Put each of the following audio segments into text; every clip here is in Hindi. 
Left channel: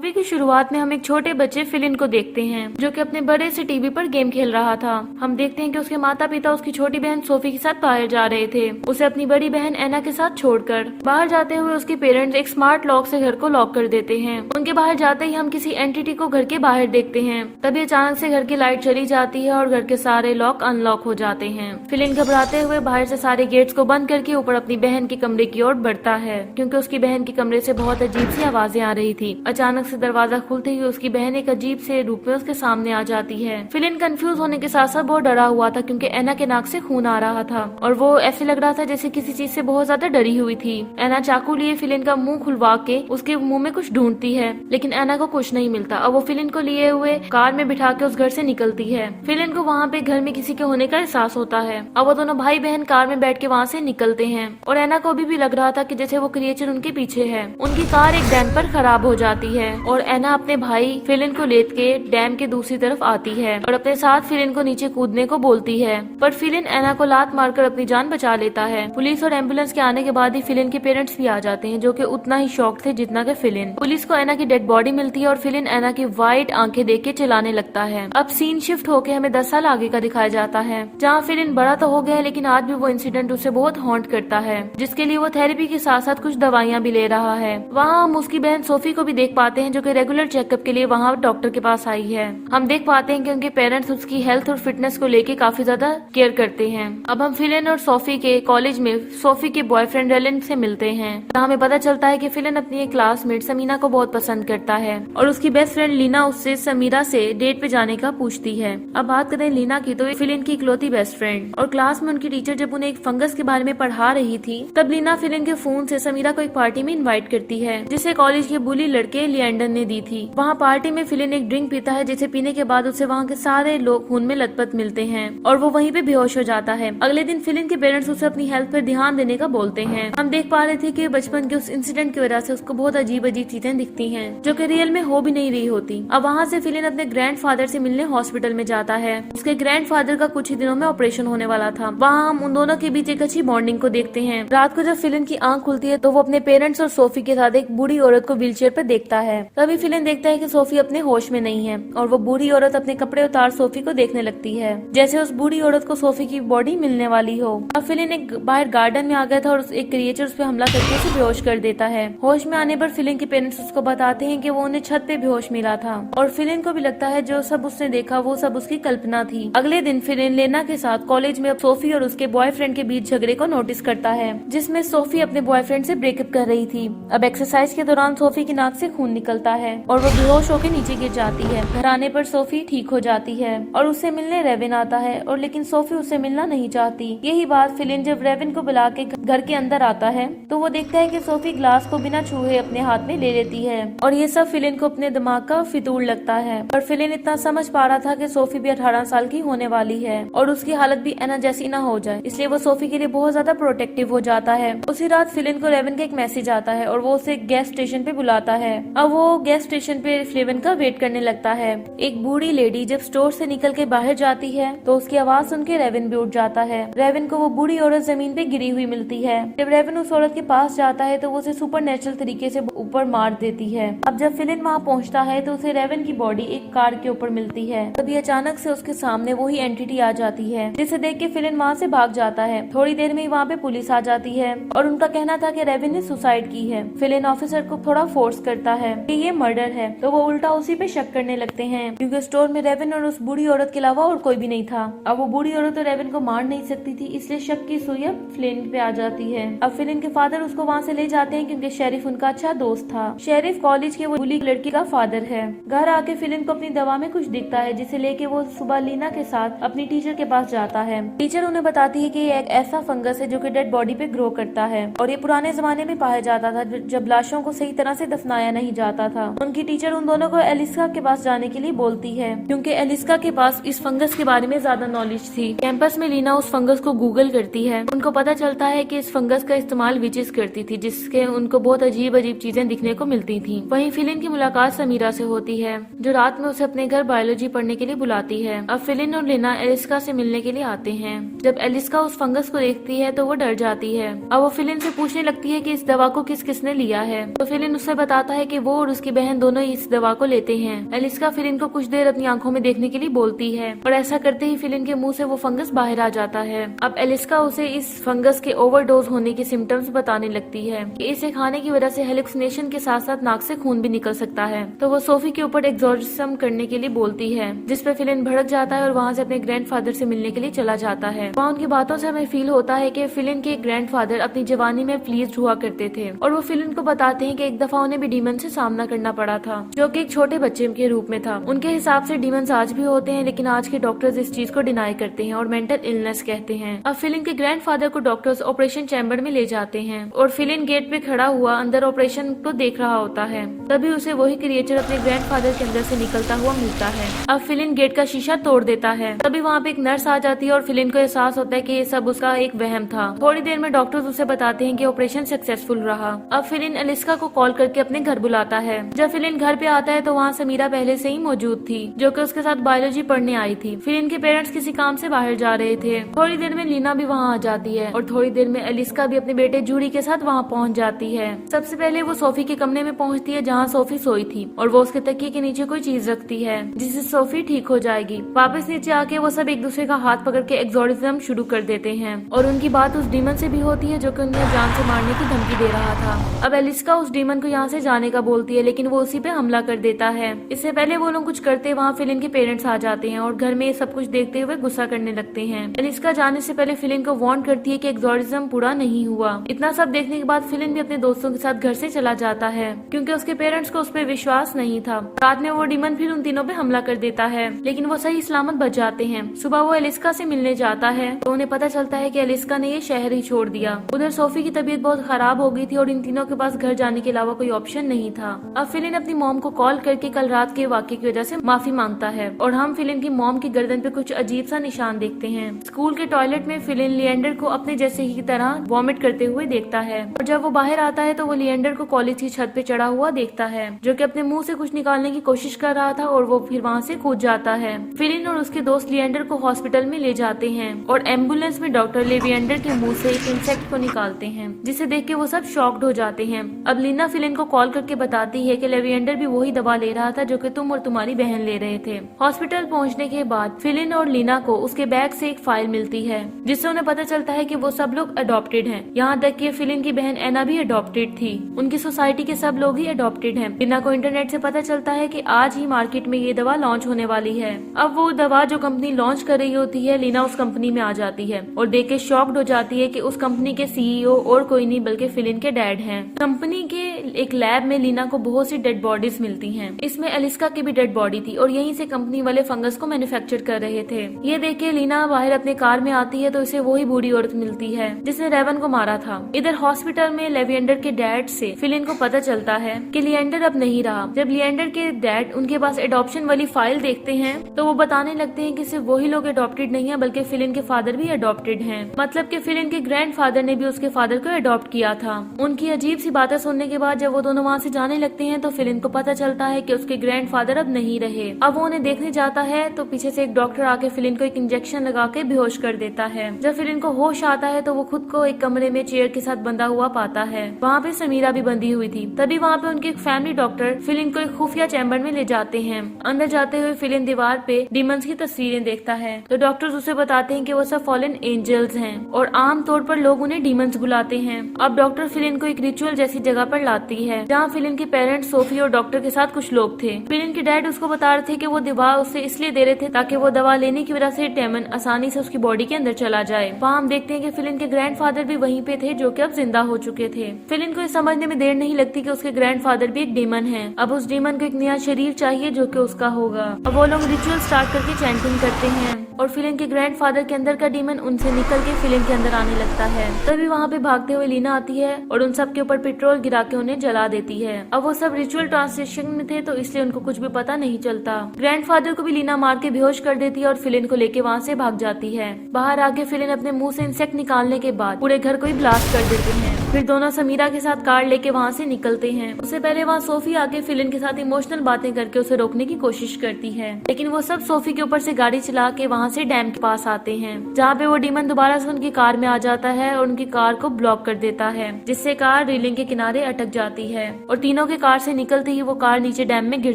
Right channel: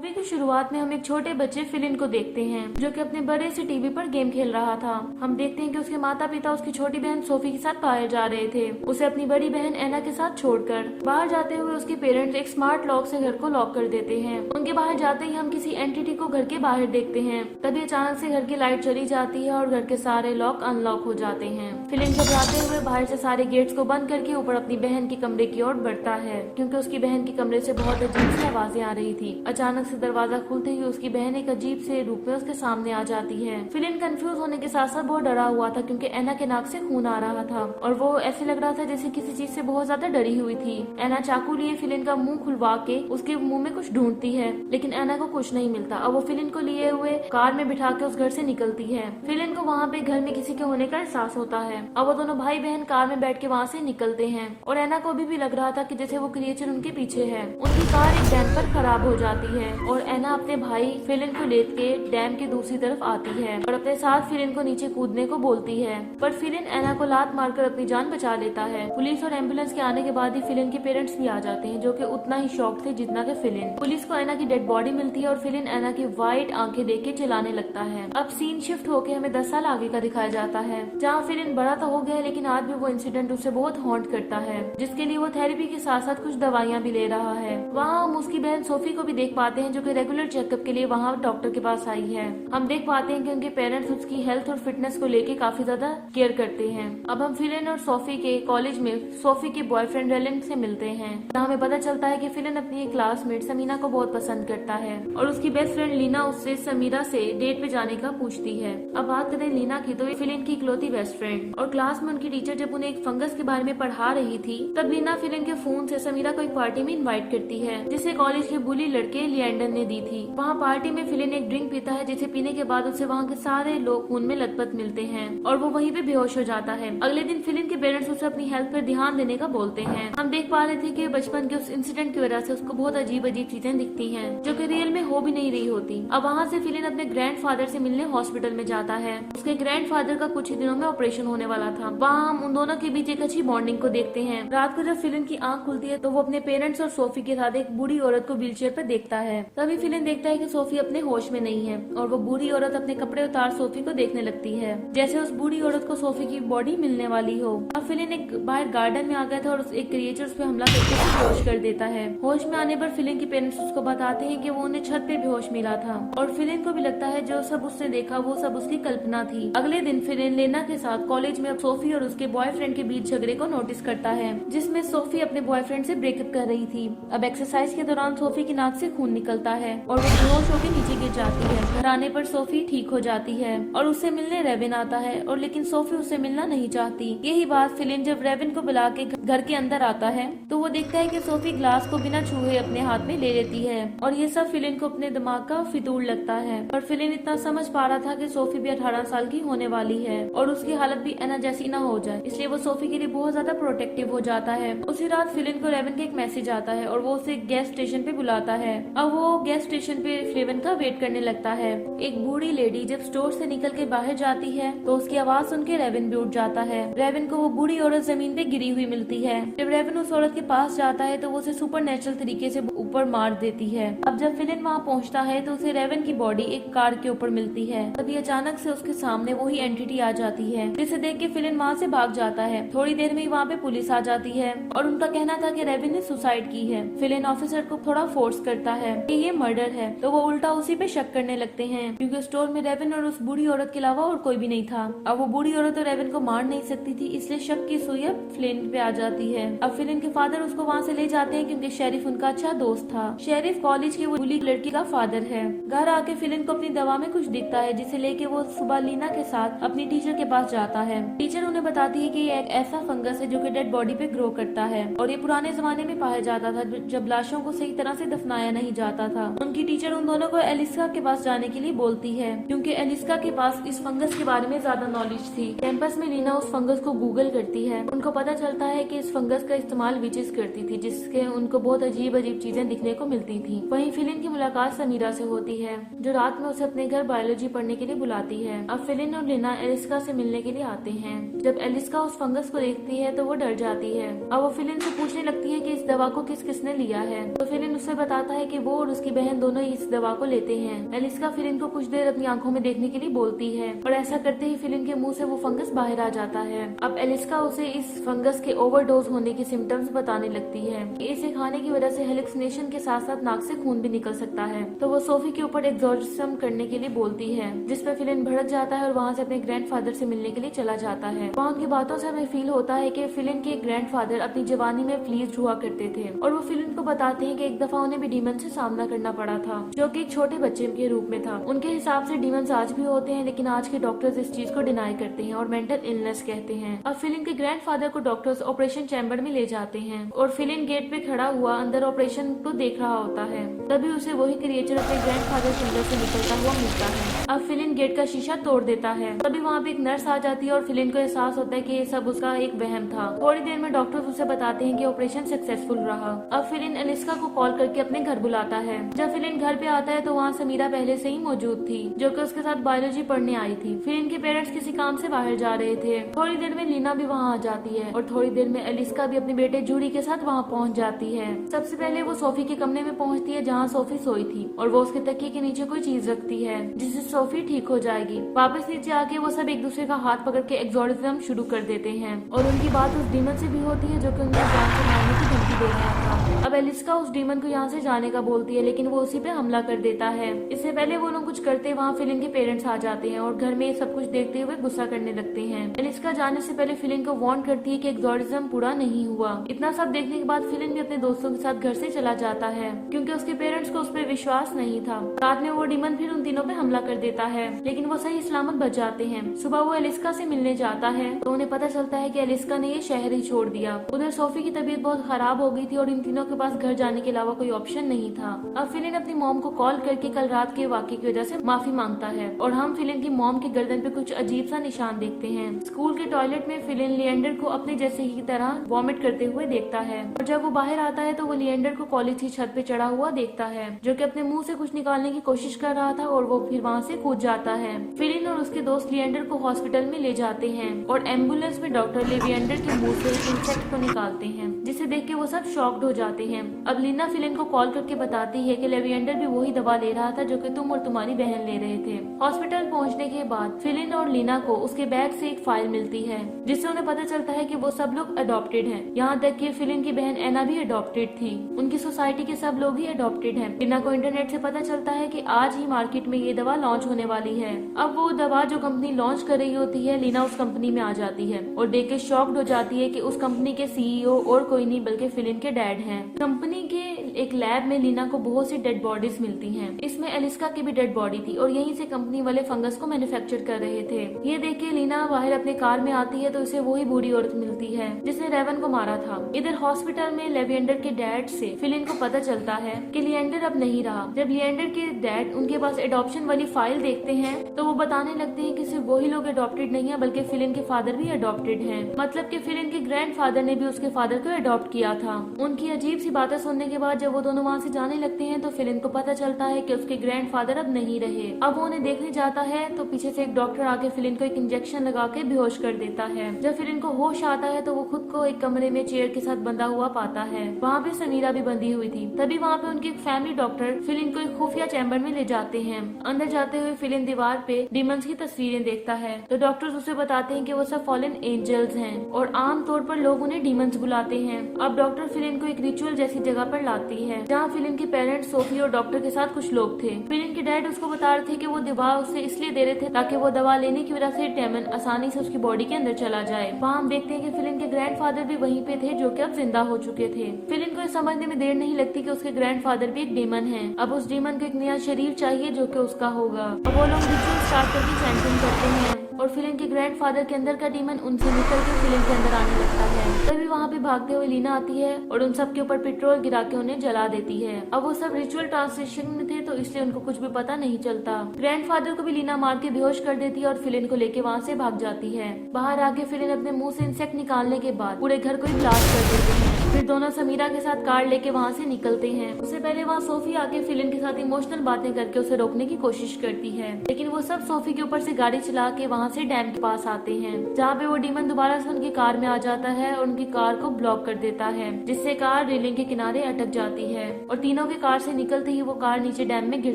मूवी की शुरुआत में हम एक छोटे बच्चे फिलिन को देखते हैं जो कि अपने बड़े से टीवी पर गेम खेल रहा था। हम देखते हैं कि उसके माता पिता उसकी छोटी बहन सोफी के साथ बाहर जा रहे थे, उसे अपनी बड़ी बहन एना के साथ छोड़कर। बाहर जाते हुए उसके पेरेंट्स एक स्मार्ट लॉक से घर को लॉक कर देते हैं। उनके बाहर जाते ही हम किसी एंटिटी को घर के बाहर देखते हैं। तभी अचानक से घर की लाइट चली जाती है और घर के सारे लॉक अनलॉक हो जाते हैं। फिलिन घबराते हुए बाहर से सारे गेट्स को बंद करके ऊपर अपनी बहन के कमरे की ओर बढ़ता है, क्योंकि उसकी बहन के कमरे से बहुत अजीब सी आवाजें आ रही थी। अचानक से दरवाजा खुलते ही उसकी बहन एक अजीब से रूप में उसके सामने आ जाती है। फिलिन कंफ्यूज होने के साथ साथ बहुत डरा हुआ था, क्योंकि एना के नाक से खून आ रहा था और वो ऐसे लग रहा था जैसे किसी चीज से बहुत ज्यादा डरी हुई थी। एना चाकू लिए फिलिन का मुंह खुलवा के उसके मुंह में कुछ ढूंढती है, लेकिन एना को कुछ नहीं मिलता। अब वो फिलिन को लिए हुए कार में बिठा के उस घर से निकलती है। फिलिन को वहाँ पे घर में किसी के होने का एहसास होता है। अब वो दोनों भाई बहन कार में बैठ के वहाँ से निकलते हैं और एना को अभी भी लग रहा था कि जैसे वो क्रिएचर उनके पीछे है। उनकी कार एक डैम पर खराब हो जाती है और एना अपने भाई फिलिन को लेट के डैम के दूसरी तरफ आती है और अपने साथ फिलिन को नीचे कूदने को बोलती है, पर फिलिन एना को लात मारकर अपनी जान बचा लेता है। पुलिस और एम्बुलेंस के आने के बाद ही फिलिन के पेरेंट्स भी आ जाते हैं, जो कि उतना ही शॉक थे जितना कि फिलिन। पुलिस को एना की डेड बॉडी मिलती है और फिलिन एना की वाइट आंखें देख के चिल्लाने लगता है। अब सीन शिफ्ट होके हमें 10 साल आगे का दिखाया जाता है, जहाँ फिलिन बड़ा तो हो गया है, लेकिन आज भी वो इंसिडेंट उसे बहुत हॉन्ट करता है, जिसके लिए वो थेरेपी के साथ साथ कुछ दवाइयाँ भी ले रहा है। वहाँ हम उसकी बहन सोफी को भी देख पाते हैं, जो कि रेगुलर चेकअप के लिए वहाँ डॉक्टर के पास आई है। हम देख पाते हैं कि उनके पेरेंट्स उसकी हेल्थ और फिटनेस को लेके काफी ज्यादा केयर करते हैं। अब हम फिलिन और सोफी के कॉलेज में सोफी के बॉयफ्रेंड रेलिन से मिलते हैं। हमें पता चलता है कि फिलिन अपनी एक क्लासमेट समीना को बहुत पसंद करता है और उसकी बेस्ट फ्रेंड लीना उससे समीरा से डेट पे जाने का पूछती है। अब बात करें लीना की, तो फिलिन की इकलौती बेस्ट फ्रेंड, और क्लास में उनकी टीचर जब उन्हें एक फंगस के बारे में पढ़ा रही थी, तब लीना फिलिन के फोन से समीरा को एक पार्टी में इन्वाइट करती है, जिसे कॉलेज के बुली लड़के लिएंडर ने दी थी। वहाँ पार्टी में फिलिन एक ड्रिंक पीता है, जिसे पीने के बाद उसे वहाँ के सारे लोग खून में लथपथ मिलते हैं और वो वहीं पे बेहोश हो जाता है। अगले दिन फिलिन के पेरेंट्स उसे अपनी हेल्थ पर ध्यान देने का बोलते हैं। हम देख पा रहे थे कि बचपन के उस इंसिडेंट की वजह से उसको बहुत अजीब अजीब चीजें दिखती हैं, जो कि रियल में हो भी नहीं रही होती। अब वहाँ से फिलिन अपने ग्रैंडफादर से मिलने हॉस्पिटल में जाता है। उसके ग्रैंडफादर का कुछ ही दिनों में ऑपरेशन होने वाला था। वहाँ हम उन दोनों के बीच एक अच्छी बॉन्डिंग को देखते हैं। रात को जब फिलिन की आंख खुलती है तो वो अपने पेरेंट्स और सोफी के साथ एक बूढ़ी औरत को व्हीलचेयर पर देखता है। तभी फिलिन देखता है कि सोफी अपने होश में नहीं है और वो बूढ़ी औरत अपने कपड़े उतार सोफी को देखने लगती है, जैसे उस बूढ़ी औरत को सोफी की बॉडी मिलने वाली हो। अब फिलिन एक बाहर गार्डन में आ गया था और एक क्रिएचर उस पे हमला करके उसे बेहोश कर देता है। होश में आने पर फिलिन के पेरेंट्स उसको बताते हैं कि वो उन्हें छत पे बेहोश मिला था और फिलिन को भी लगता है जो सब उसने देखा वो सब उसकी कल्पना थी। अगले दिन फिलिन लेना के साथ कॉलेज में सोफी और उसके बॉयफ्रेंड के बीच झगड़े को नोटिस करता है, जिसमें सोफी अपने बॉयफ्रेंड से ब्रेकअप कर रही थी। अब एक्सरसाइज के दौरान सोफी की नाक से खून निकलता है और वो बेहोश होकर नीचे गिर जाती है। घर आने पर सोफी ठीक हो जाती है और उससे मिलने रेविन आता है, और लेकिन सोफी उससे मिलना नहीं चाहती। यही बात फिलिन जब रेविन को बुला के घर के अंदर आता है तो वो देखता है कि सोफी ग्लास को बिना छुए अपने हाथ में ले लेती है, और ये सब फिलिन को अपने दिमाग का फितूर लगता है। पर फिलिन इतना समझ पा रहा था कि सोफी भी 18 साल की होने वाली है और उसकी हालत भी एना जैसी ना हो जाए, इसलिए वो सोफी के लिए बहुत ज्यादा प्रोटेक्टिव हो जाता है। उसी रात फिलिन को रेविन का एक मैसेज आता है और वो उसे गैस स्टेशन पे बुलाता है। अब वो गैस स्टेशन पे रेविन का वेट करने लगता है। एक बूढ़ी लेडी जब स्टोर से निकल के बाहर जाती है तो उसकी आवाज सुन के रेविन भी उठ जाता है। रेविन को वो बूढ़ी औरत जमीन पे गिरी हुई मिलती है। जब रेविन उस औरत के पास जाता है तो वो उसे सुपर नेचुरल तरीके से ऊपर मार देती है। अब जब फिलिन वहाँ पहुँचता है तो उसे रेविन की बॉडी एक कार के ऊपर मिलती है। तभी अचानक से उसके सामने वही एंटिटी आ जाती है, जिसे देख के फिलिन वहाँ से भाग जाता है। थोड़ी देर में ही वहाँ पे पुलिस आ जाती है और उनका कहना था कि रेविन ने सुसाइड की है। फिलिन ऑफिसर को थोड़ा फोर्स करता है कि ये मर्डर है, तो वो उल्टा उसी पे शक करने लगते हैं, क्योंकि स्टोर में रेविन और उस बूढ़ी औरत के अलावा और कोई भी नहीं था। अब वो बूढ़ी औरत तो रेविन को मार नहीं सकती थी, इसलिए शक की सुई अब फिलिन पे आ जाती है। अब फिलिन के फादर उसको वहाँ से ले जाते हैं, क्योंकि शेरिफ उनका अच्छा दोस्त था। शेरिफ कॉलेज के वो बुली लड़की का फादर है। घर आके फिलिन को अपनी दवा में कुछ दिखता है, जिसे लेके वो सुबह लीना के साथ अपनी टीचर के पास जाता है। टीचर उन्हें बताती है कि ये एक ऐसा फंगस है जो कि डेड बॉडी पे ग्रो करता है और ये पुराने जमाने में पाया जाता था, जब लाशों को सही तरह से दफनाया नहीं जाता था। उनकी टीचर उन दोनों को एलिस्का के पास जाने के लिए बोलती है, क्योंकि एलिस्का के पास इस फंगस के बारे में ज्यादा नॉलेज थी। कैंपस में लीना उस फंगस को गूगल करती है। उनको पता चलता है कि इस फंगस का इस्तेमाल विचेस करती थी, जिसके उनको बहुत अजीब अजीब चीजें दिखने को मिलती थी। वहीं फिलिन की मुलाकात समीरा से होती है, जो रात में उसे अपने घर बायोलॉजी पढ़ने के लिए बुलाती है। अब फिलिन और लीना एलिस्का से मिलने के लिए आते हैं। जब एलिस्का उस फंगस को देखती है तो वो डर जाती है। अब वो फिलिन से पूछने लगती है कि इस दवा को किसने लिया है, तो फिलिन उससे बताता है कि वो और और उसकी बहन दोनों इस दवा को लेते हैं। एलिस्का फिलिन को कुछ देर अपनी आंखों में देखने के लिए बोलती है और ऐसा करते ही फिलिन के मुंह से वो फंगस बाहर आ जाता है। अब एलिस्का उसे इस फंगस के ओवरडोज होने के सिम्टम्स बताने लगती है कि इसे खाने की वजह से हेलुसिनेशन के साथ साथ नाक से खून भी निकल सकता है। तो वो सोफी के ऊपर एक्सोर्सिज्म करने के लिए बोलती है, जिस पे फिलिन भड़क जाता है और वहाँ से अपने ग्रैंडफादर से मिलने के लिए चला जाता है। वहाँ उनकी बातों से हमें फील होता है कि फिलिन के ग्रैंडफादर अपनी जवानी में प्लीज्ड हुआ करते थे और वो फिलिन को बताते हैं कि एक दफा उन्हें भी डीमन से सामना करना पड़ा था, जो कि एक छोटे बच्चे के रूप में था। उनके हिसाब से डीमंस आज भी होते हैं, लेकिन आज के डॉक्टर्स इस चीज को डिनाई करते हैं और मेंटल इलनेस कहते हैं। अब फिलिन के ग्रैंडफादर को डॉक्टर्स ऑपरेशन चैम्बर में ले जाते हैं और फिलिन गेट पे खड़ा हुआ अंदर ऑपरेशन को देख रहा होता है। तभी उसे वही क्रिएचर अपने ग्रैंडफादर के अंदर से निकलता हुआ मिलता है। अब फिलिन गेट का शीशा तोड़ देता है। तभी वहाँ पे एक नर्स आ जाती है और फिलिन को एहसास होता है कि ये सब उसका एक वहम था। थोड़ी देर में डॉक्टर्स उसे बताते हैं कि ऑपरेशन सक्सेसफुल रहा। अब फिलिन एलिस्का को कॉल करके अपने घर बुलाता है। जब फिलिन घर पे आता है तो वहाँ समीरा पहले से ही मौजूद थी, जो कि उसके साथ बायोलॉजी पढ़ने आई थी। फिलिन के पेरेंट्स किसी काम से बाहर जा रहे थे। थोड़ी देर में लीना भी वहाँ आ जाती है और थोड़ी देर में एलिस्का भी अपने बेटे जूडी के साथ वहाँ पहुँच जाती है। सबसे पहले वो सोफी के कमरे में पहुँचती है जहाँ सोफी सोई थी और वो उसके तकिए के नीचे कोई चीज रखती है जिससे सोफी ठीक हो जाएगी। वापस नीचे आके वो सब एक दूसरे का हाथ पकड़ के एक्सोर्सिज्म शुरू कर देते हैं और उनकी बात उस डीमन से भी होती है जो कि उन्हें जान से मारने की धमकी दे रहा था। अब एलिस्का उस डीमन को यहाँ से जाने का बोलती है, लेकिन वो उसी पे हमला कर देता है। इससे पहले वो लोग कुछ करते वहाँ फिलिन के पेरेंट्स आ जाते हैं और घर में ये सब कुछ देखते हुए गुस्सा करने लगते हैं। एलिस्का जाने से पहले फिलिन को वार्न करती है कि एक्सोर्सिज्म पूरा नहीं हुआ। इतना सब देखने के बाद फिलिन भी अपने दोस्तों के साथ घर से चला जाता है क्योंकि उसके पेरेंट्स को उस पर विश्वास नहीं था। रात में वो डीमन फिर उन तीनों पे हमला कर देता है, लेकिन वो सही सलामत बच जाते हैं। सुबह वो एलिस्का से मिलने जाता है तो उन्हें पता चलता है कि एलिस्का ने ये शहर ही छोड़ दिया। उधर सोफी की तबीयत बहुत खराब हो गई थी और इन तीनों के पास घर जाने के अलावा कोई ऑप्शन नहीं था। अब फिलिन अपनी मॉम को कॉल करके कल रात के वाकये की वजह से माफी मांगता है और हम फिलिन की मॉम की गर्दन पे कुछ अजीब सा निशान देखते हैं। स्कूल के टॉयलेट में फिलिन लिएंडर को अपने जैसे ही तरह वॉमिट करते हुए देखता है और जब वो बाहर आता है तो वो लिएंडर को कॉलेज की छत पे चढ़ा हुआ देखता है, जो कि अपने मुंह से कुछ निकालने की कोशिश कर रहा था और वो फिर वहाँ से कूद जाता है। फिलिन और उसके दोस्त लिएंडर को हॉस्पिटल में ले जाते हैं और एम्बुलेंस में डॉक्टर लिएंडर के मुंह से एक इंसेक्ट को निकालते हैं, जिसे देख के वो सब शॉक्ड हो जाते हैं। अब लीना फिलिन को कॉल करके बताती है कि लिएंडर भी वही दवा ले रहा था जो कि तुम और तुम्हारी बहन ले रहे थे। हॉस्पिटल पहुंचने के बाद फिलिन और लीना को उसके बैग से एक फाइल मिलती है जिससे उन्हें पता चलता है कि वो सब लोग अडॉप्टेड हैं। यहाँ तक कि फिलिन की बहन एना भी अडॉप्टेड थी। उनकी सोसाइटी के सब लोग ही अडॉप्टेड हैं। लीना को इंटरनेट से पता चलता है कि आज ही मार्केट में ये दवा लॉन्च होने वाली है। अब वो दवा जो कंपनी लॉन्च कर रही होती है, लीना उस कंपनी में आ जाती है और देख के शॉक्ड हो जाती है कि उस कंपनी के सीईओ और कोई नहीं बल्कि फिलिन के डैड हैं। कंपनी के एक लैब में लीना को बहुत सी डेड बॉडीज मिलती हैं। इसमें एलिस्का की भी डेड बॉडी थी और यहीं से कंपनी वाले फंगस को मैन्युफैक्चर कर रहे थे। ये देख के लीना बाहर अपने कार में आती है तो इसे वही बूढ़ी औरत मिलती है जिसने रेवन को मारा था। इधर हॉस्पिटल में लिएंडर के डैड से फिलिन को पता चलता है कि लिएंडर अब नहीं रहा। जब लिएंडर के डैड उनके पास एडॉप्शन वाली फाइल देखते हैं तो वो बताने लगते हैं कि सिर्फ वही लोग अडॉप्टेड नहीं है बल्कि फिलिन के फादर भी अडॉप्टेड हैं। मतलब कि फिलिन के ग्रैंडफादर ने भी उसके फादर को अडॉप्ट किया था। उनकी अजीब सी बातें सुनने के बाद जब वो दोनों वहाँ से जाने लगते हैं तो फिलिन को पता चलता है कि उसके ग्रैंडफादर अब नहीं रहे। अब वो उन्हें देखने जाता है तो पीछे से एक डॉक्टर आके फिलिन को एक इंजेक्शन लगा के बेहोश कर देता है। जब फिलिन को होश आता है तो वो खुद को एक कमरे में चेयर के साथ बंधा हुआ पाता है। वहाँ पे समीरा भी बंधी हुई थी। तभी वहाँ पे उनके एक फैमिली डॉक्टर फिलिन को एक खुफिया चैम्बर में ले जाते हैं। अंदर जाते हुए फिलिन दीवार पे डीमंस की तस्वीरें देखता है तो डॉक्टर्स उसे बताते हैं कि वो सब फॉलन एंजल्स हैं और आम तौर पर लोग उन्हें डीमंस बुलाते हैं। अब डॉक्टर फिलिन को एक रिचुअल जैसी जगह पर लाती है जहाँ फिलिन के पेरेंट्स सोफी और डॉक्टर के साथ कुछ लोग थे। फिलिन के डैड उसको बता रहे थे कि वो दवा उससे इसलिए दे रहे थे ताकि वो दवा लेने की वजह से डेमन आसानी से उसकी बॉडी के अंदर चला जाए। वहाँ हम देखते हैं कि फिलिन के ग्रैंडफादर भी वहीं पे थे जो कि अब जिंदा हो चुके थे। फिलिन को ये समझने में देर नहीं लगती कि उसके ग्रैंडफादर भी एक डेमन है। अब उस डेमन को एक नया शरीर चाहिए जो कि उसका होगा। अब वो लोग रिचुअल स्टार्ट करके चैंटिंग करते हैं और फिलिन के ग्रैंडफादर के अंदर का डीमन उनसे निकल के फिलिन के अंदर आने लगता है। तभी वहाँ पे भागते हुए लीना आती है और उन सब के ऊपर पेट्रोल गिरा के उन्हें जला देती है। अब वो सब रिचुअल ट्रांसलेशन में थे तो इसलिए उनको कुछ भी पता नहीं चलता। ग्रैंडफादर को भी लीना मार के बेहोश कर देती है और फिलिन को लेके वहाँ से भाग जाती है। बाहर आके फिलिन अपने मुंह से इंसेक्ट निकालने के बाद पूरे घर को ही ब्लास्ट कर देते हैं। फिर दोनों समीरा के साथ कार लेके वहाँ से निकलते हैं। उससे पहले वहाँ सोफी आके फिलिन के साथ इमोशनल बातें करके उसे रोकने की कोशिश करती है, लेकिन वो सब सोफी के ऊपर से गाड़ी चला के वहाँ से डैम के पास आते हैं, जहाँ पे वो डीमन दोबारा से उनकी कार में आ जाता है और उनकी कार को ब्लॉक कर देता है, जिससे कार रेलिंग के किनारे अटक जाती है और तीनों के कार से निकलते ही वो कार नीचे डैम में गिर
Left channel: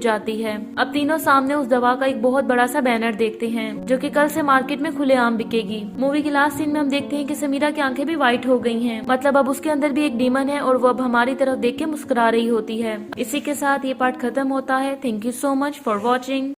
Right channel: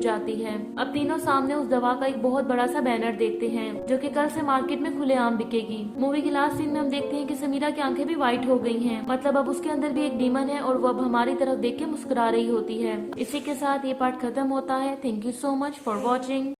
जाती है। अब तीनों सामने उस दवा का एक बहुत बड़ा सा बैनर देखते हैं, जो कि कल से मार्केट में खुलेआम बिकेगी। मूवी के लास्ट सीन में हम देखते हैं कि समीरा की आंखें भी व्हाइट हो गई हैं, मतलब अब उसके अंदर भी एक डीमन है और वो अब हमारी तरफ देख के मुस्कुरा रही होती है। इसी के साथ ये पार्ट खत्म होता है। Thank you so much for watching.